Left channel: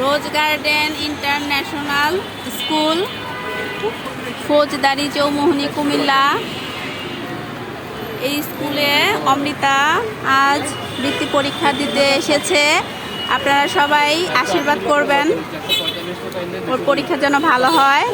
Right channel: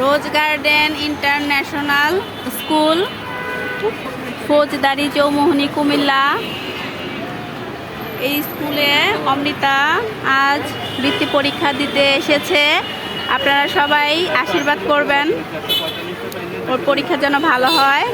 রোজ garden international school, ফৌজদারি চৌমোহনী, কুমিল্লা। এই স্কুলে অমৃতা আজ বৃত্তি পরীক্ষা দিতে এসেছে। আপনারা সবাই আশীর্বাদ করবেন ওর পরীক্ষা যেন ভালো হয়।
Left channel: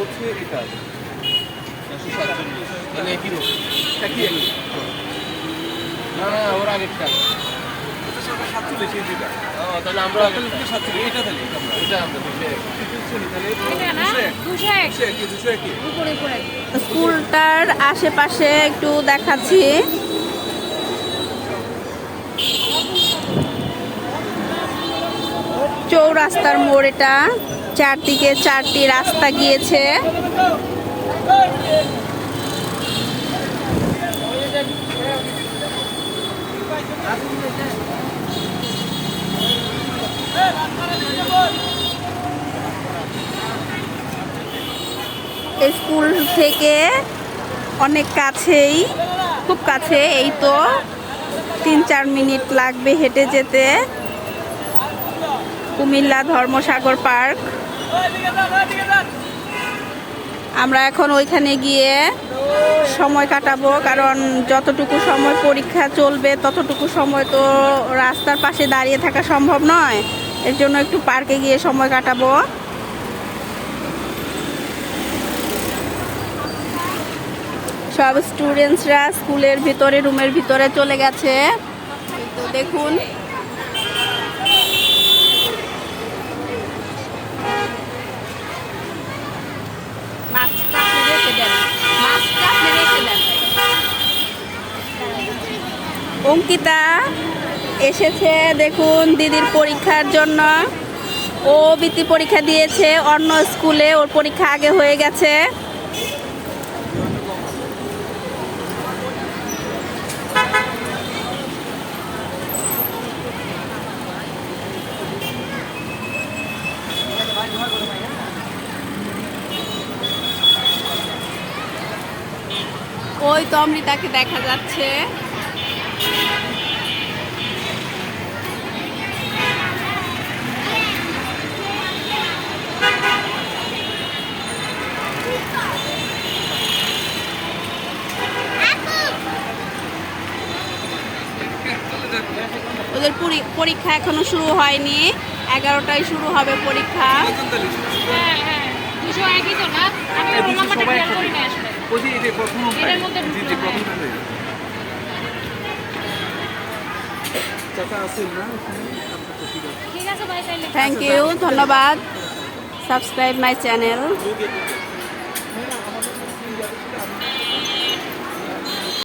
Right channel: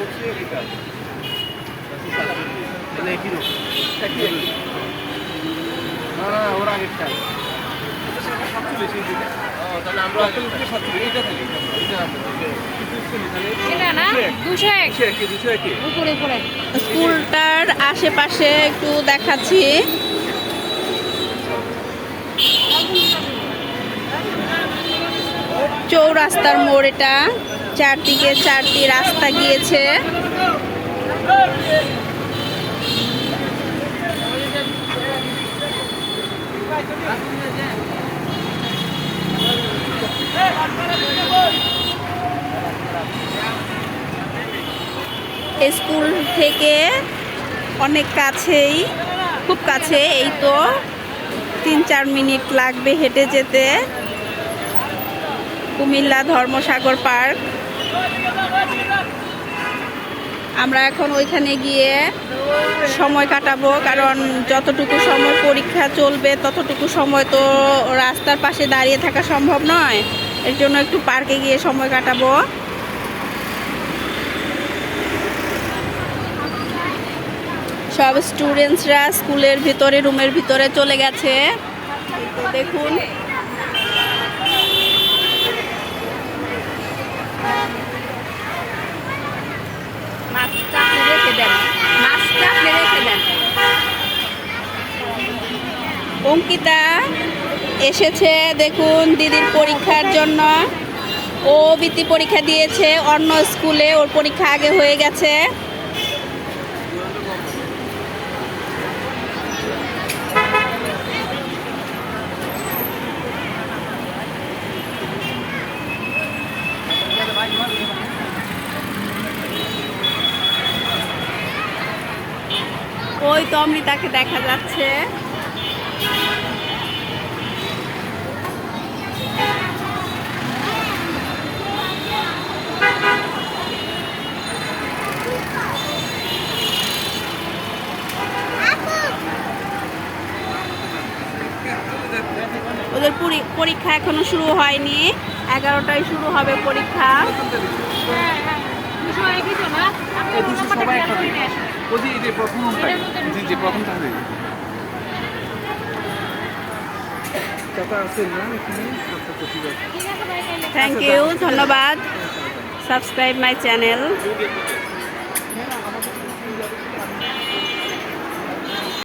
স্কুলটার আশেপাশে একটু দেখাচ্ছি। চৌরাস্তার মোড়, এটা চারদিকে চারটি রাস্তা গিয়েছে। স্কুল থেকে অনেক কাছেই, খুব কাছে, এই তো 3-4 মিনিট লাগবে হেঁটে যেতে। কুমিল্লা ধর্মসাগর পার্ক। আমরা এখন ওইখানে গিয়ে সময় কাটাবো, কারণ যতটুকু সময় পরীক্ষা চলবে ততটুকু সময় তো রাস্তার পাশে দাঁড়িয়ে থাকা সম্ভব নয়। এর জন্য একটু পার্কে গিয়ে সময় কাটাবো। সব স্টুডেন্টসরা স্কুলের ভিতরে, রুমের ভিতরে চলে গেছে। তো দেখুন, মাছটা আপনি রেখে দেন, মাছটা আপনি রেখে দেন। অঙ্কিতা এসেছে দেখুন দিদির পরীক্ষার জন্য। ও বৃত্তি পরীক্ষা দিয়েছে অন্য স্কুলে, ওর পরীক্ষা আগে হয়ে গেছে। ওই তো অমৃতাকে দেখা যাচ্ছে। ওদের পরীক্ষা এখনো শুরু হয়নি, 11টায় শুরু হবে পরীক্ষা। থ্যাংক ইউ, ধন্যবাদ। Subscribe my channel.